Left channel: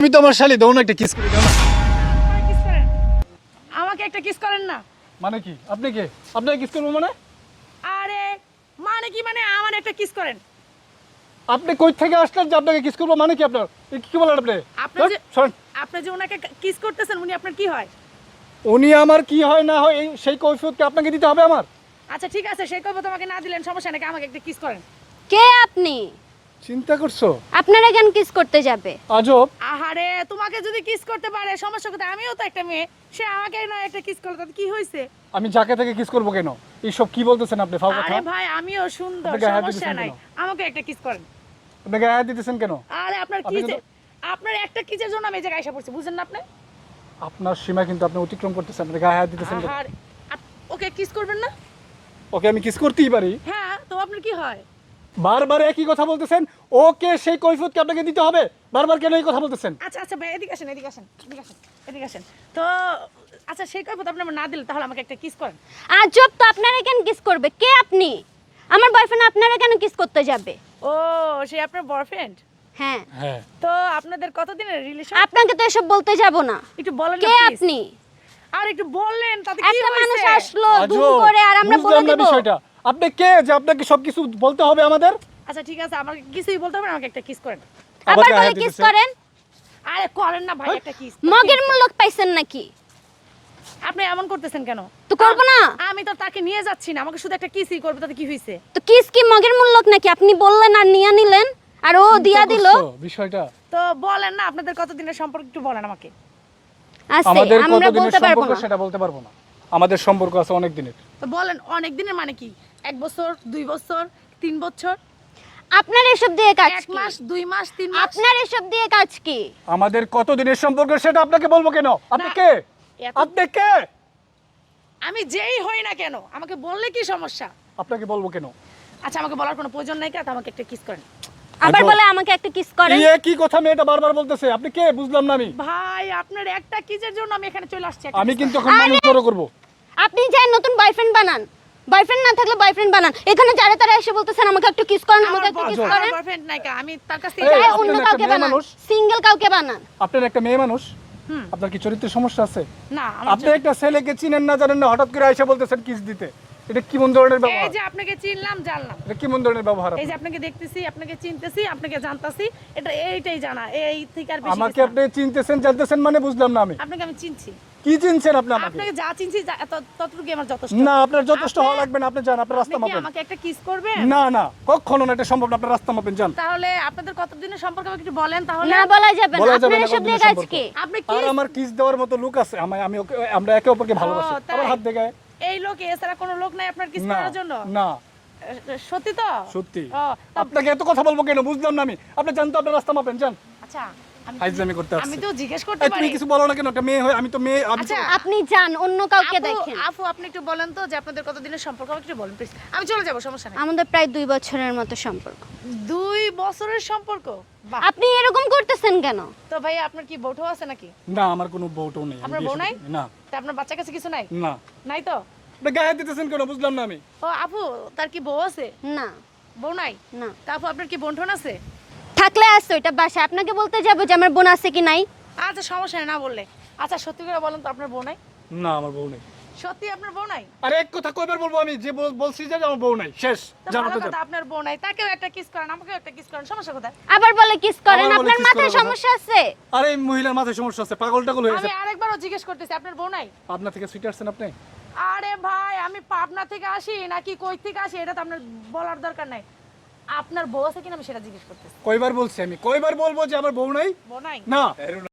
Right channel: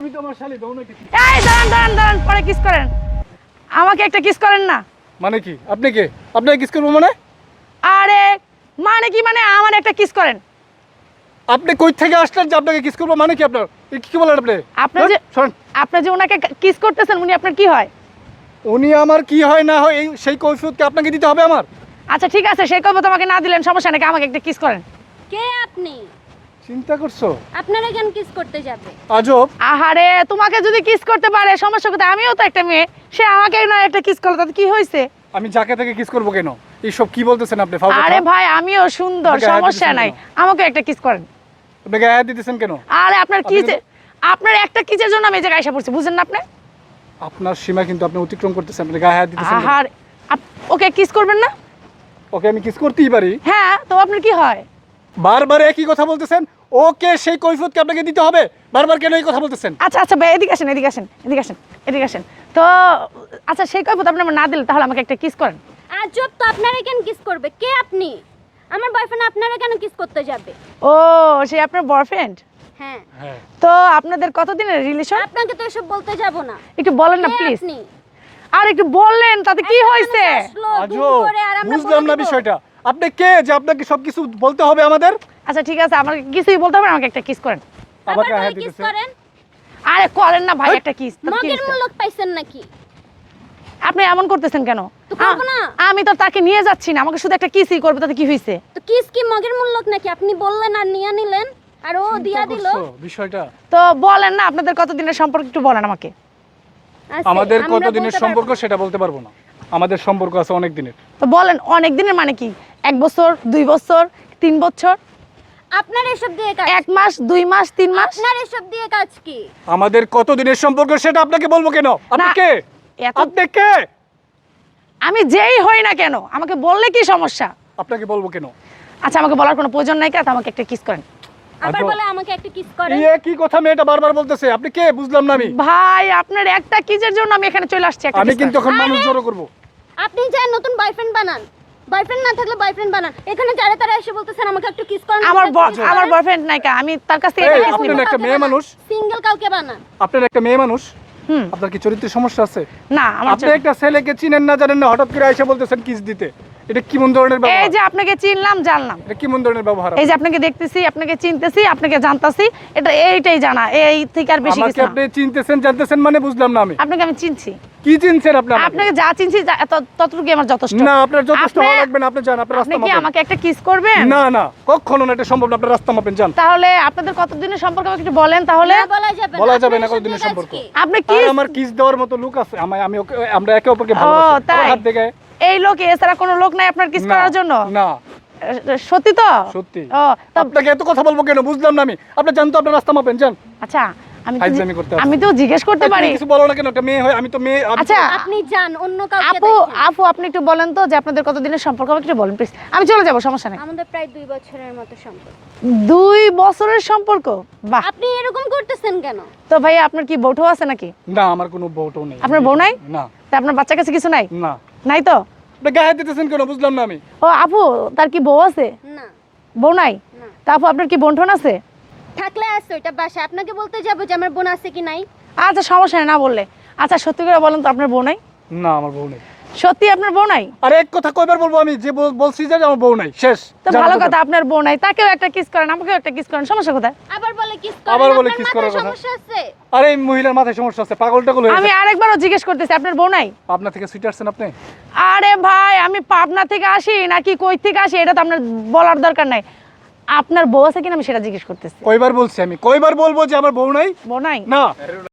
তুমি তো আমার শালি, দাও না একটা কিস। এই দাঁড়ান পরে কিস করেন। আমাকে একটা কিস করেন না। মানে কি? আপনি কে? আপনাকে কিস করবো মানে? আরে মানে কি মানে আমার একটা কিস করেন। আপনি কই থেকে আসলেন যে আপনাকে কিস করবো? মানে কি আপনার? কি বলেন আপনি? আপনি যে ওনাকে কিস করতেছেন উনি আপনার কি হয়? উনি আমার কি হয় না হয় সেই কৈফিয়ত কি আপনাকে দিতে হবে আমার? আচ্ছা ঠিক আছে, সেই কৈফিয়ত আমাকে না দিলেন সমস্যা নাকি, আমাকে একটা কিস করেন। কে আপনি? চিন্তা করছো? আপনারা কেন কিস করতে যাবে? আজব। আহারে তোমাকে যদি কিস করতে পারে সমস্যা কোথায়? আমিও তো একটা মেয়ে, সে আমাকে না একটা কিস করলো তাতে কি হয়েছে? আমি যাকে থেকে কিস করবো কেন? এইসব কি বলতেছেন আপনি? ফাও কথা। আরে ভাই আমিও সুন্দর, আপনাকে হাত সমস্যা দিতেছেন নাই, কেন? আমাকে একটা কিস করেন। আপনি গায়ে হাত দিতেছেন কেন? আরে আপনার আপনি কিসে, আপনার একটা কিসের জন্য আমি এই জায়গায় এসে পড়ছি, বুঝেন না আপনি? আপনার সীমা কিন্তু আপনি অতিক্রম করতেছেন। আপনি গায়ে হাত দিতেছেন কেন? আহার ওকে কিস করবেন না? ওকে আমি কিস করতেই পারি। হ্যাঁ তো আপনার কি হয়? বারবার একই কথা বলতেছেন। ওকে সেই কৈফিয়ত কি আপনাকে দিতে হবে? বারবার কেন এই কথা বলতেছেন? আচ্ছা ভাই এদিকে আসেন। তো আচ্ছা সেই কৈফিয়ত আপনি আমার না দিলে তাহলে আমাকে একটা কিস করেন। আজব তো, আপনারা কেন কিস করবে? কে আপনি? আমার বয়ফ্রেন্ড আপনারা কেন কিস করতে যাবে? ও সে আপনার বয়ফ্রেন্ড? হ্যাঁ। হ্যাঁ। তো আপনাদের কতদিনের রিলেশন? আপনাকে তো এসব বলতে যাব না। একটু বলেন না কে প্লিজ। আপনি? আর একটু বললেন তাতে কি একটা হয়েছে? মানুষ আসলো দুম আজব। করে আর আমরা বুঝলাম না বলে দিব? বিষয়টা। আপনি কে যে আপনাকে সবকিছু বলতে হবে আমাদের? আচ্ছা ঠিক আছে, আমাকে কিছুই বলতে হবে না, আমাকে একটা কিস করেন। আবার আবার গায়ে বলে হাত কিস দিতেছেন। করেন? আরে করেন না ভাই একটা কিস। মগের মূল্য পাইছেন নাকি? আপনি এমন করতেছেন কেন? তো করবো না। আমি তো তাকে নিয়ে যাচ্ছি না, আমাকে শুধু একটা কিসই করবে, তাতে কি হয়েছে? তো কিস কি মগের মূল্য নাকি? আপনি বললেন আর নিয়ে নিলেন আর ও দিয়া দিল। চিন্তা করছো বিষয়টা? তো বলেন না আপনাদের কতদিনের সম্পর্ক একটু বলেন আমাকে। আচ্ছা, আমাদের আমরা কতদিনের বলতে পারবো সম্পর্ক না। সেটা বলতে পারবো না। আমাদের সম্পর্ক আছে অনেক দিনের। তো বলেন অনেক দিনের মানে কি? 1 বছর, 2 বছর, 3 বছর, আপনার এসব দিয়ে কাজ 1 মাস, 2 মাস, 3 মাস? আপনার এসব দিয়ে কাজ কি? আমাদের কতদিনের সম্পর্ক সেটা আপনাকে বলবো কেন? আপনি না, কে? এত- আপনি কে? আমি যেই হই না কেন আমাকে বললে কি সমস্যা? আপনাকে বলবো কেন? আচ্ছা আমাকে বলার কোনো প্রয়োজন নাই, কাজ আমাকে একটা কিস করেন। আবার আজব। বলে আমাকে একটা কিস করেন। এই কি কথা মেয়েটা বারবার বলতেছে? আপনি কে? বুঝলাম না আমি। ভাই আপনার একটা কিসের জন্য আমি এখানে চলে আসছি? একটা আমি kiss কিন্তু করেন। এখন মানুষ জড়ো করবো। আপনি যান নতুন বয়ফ্রেন্ড বানান। বয়ফ্রেন্ড না থাকলে বয়ফ্রেন্ড বানান। এখানে যারা তারা এসে বলতেছেন আমাকে একটা কিস করেন। আমার বয়ফ্রেন্ড নাই কা, আমি তার কাছে এই, এটা আপনি কিস নিব। একটা মেয়ে মানুষ। সিঙ্গেল কাউকে বানান। আপনার একটা মেয়ে মানুষ। হুম। আপনার কি চরিত্রের সমস্যা আছে? না আমার আপনি একটা ছেলেকে চিনেন না জানেন না, হঠাৎ করে এসে বলতেছেন কিস দিতে। এটা কি মন ধরনের এই ব্যবহার? যে আপনাকে চিনলাম জানলাম, এটা কি মন ধরনের ব্যবহার? এই যে আপনাকে দেখতেছি, আপনাকে চিনতেছি, আপনাকে জানতাছি, এটা এইটাই জানা, এই থেকে আর বেশি আমাকে কিছু না। আপনি চিনতেছেন জানতেছেন মানে বুঝলাম না আমি। আপনাকে আমি চিনছি, কি চিনছেন আপনি আমাকে? আপনাকে যা চিনছি ততটুকু আমার যথেষ্ট। না, আপনার যথেষ্ট আপনি- হওয়া লাগবে না। আপনি যান, আপনার আপনি রাস্তা কি মাপেন। আমাকে একটা কিস করবেন? না না, কখনো না, এটা সম্ভব না। আপনার রাস্তা মাপেন, যান। তাহলে আপনাদের কতদিনের সম্পর্ক আমাকে একটু বলেন তাহলে। না বলা যাবে না। বলা যাবে আপনার না এসব কতদিনের দিয়ে কাজ সম্পর্ক। কি? আপনি আর কিস আমার কিস দেওয়ার মতো লোক আছে? আমি আমরা একে অপরকে ভালোবাসি। তাই? আমার হাত দেখে। এই লোক এছাড়া কোনো লোক নাই আপনার কিস না, করার জন্য? না, সত্যি তো? সত্যি। ও তো আপনাকে এত কথা বলবো কেন? বুঝলাম না আমি। আপনি জান তো, আপনার রাস্তা মাপেন, যান। আচ্ছা ফাইজলামি করতে আসছে। আমি তো জিজ্ঞেস করতে এই, তুমি পারি। কিছু বলো না কেন? একটা মেয়ে হয়, আমি তো মেয়ে। আমি তো- আচ্ছা আপনি যান অন্য কাউকে আপু দেখেন। আপু আপনি একটু বলেন তো যে আপনাদের কতদিনের সম্পর্ক আমাকে একটু বলেন প্লিজ, আমি চলে যাব, সমস্যা নেই। আমাদের প্রায় 2 বছরের মতো সম্পর্ক। 2 বছরের সম্পর্ক? বাহ। আপনি এরকম করতেছেন কেন? তো ভাই আপনার কি বউঠো আছে নাকি? না, আমার কোনো বউটাও নেই। আপনার বউ নাই? না, তা আপনার বাচ্চা কাছে কিছু নাই? না। নাই তো? আপনি গায়ে হাত দিতেছেন কেন? বুঝলাম না আমি। ও আপু তার কি বউ আছে? না। বউ নাই? না। তা আপু আপনার কি বোন আছে? থাকলে আসছে ওইটা বাসা। আপনাকে বলতে যাবো যে আমার বোন আছে কি নাই? আচ্ছা সমস্যা নেই, না বললে। আচ্ছা সত্যি করে বলেন তো আপনার বউ নাই? না, আমার বউ নেই। সত্যি আপনার বউ নাই? আরে এক কথা কয়বার বলবো আমি? যে বলছি যে আমার বউ নাই, শেষ। তো যান, ভালো যান। কথা, আপনার বউ নাই, তাকেও একটা কিস করেন, আমাকেও একটা কিস করেন, সমস্যা কোথায়? আবার বলে কিস করেন। আবার বলে আপনার kiss মাথায় করার কথা। সমস্যা আছে? আরে এই মহিলার মাথায় সমস্যা আছে, পাগল টাগল হয়ে আমি গেছে। আরেকবারও জিজ্ঞেস করতেছি আপনার বউ নাই? পাবনা থেকে সুইট আসছেন আপনি? আরে ভাই আমি পাবনা থেকে আসি নাকি কই থেকে আসি এটা তো আপনার বলার দরকার নাই। আপনার বউ আছে কিনা আমি সেটা জিজ্ঞেস করতেছি। কয়বার বলছি আমি? কয়বার বলবো যে আমার বউ নাই? বউ নাই? না।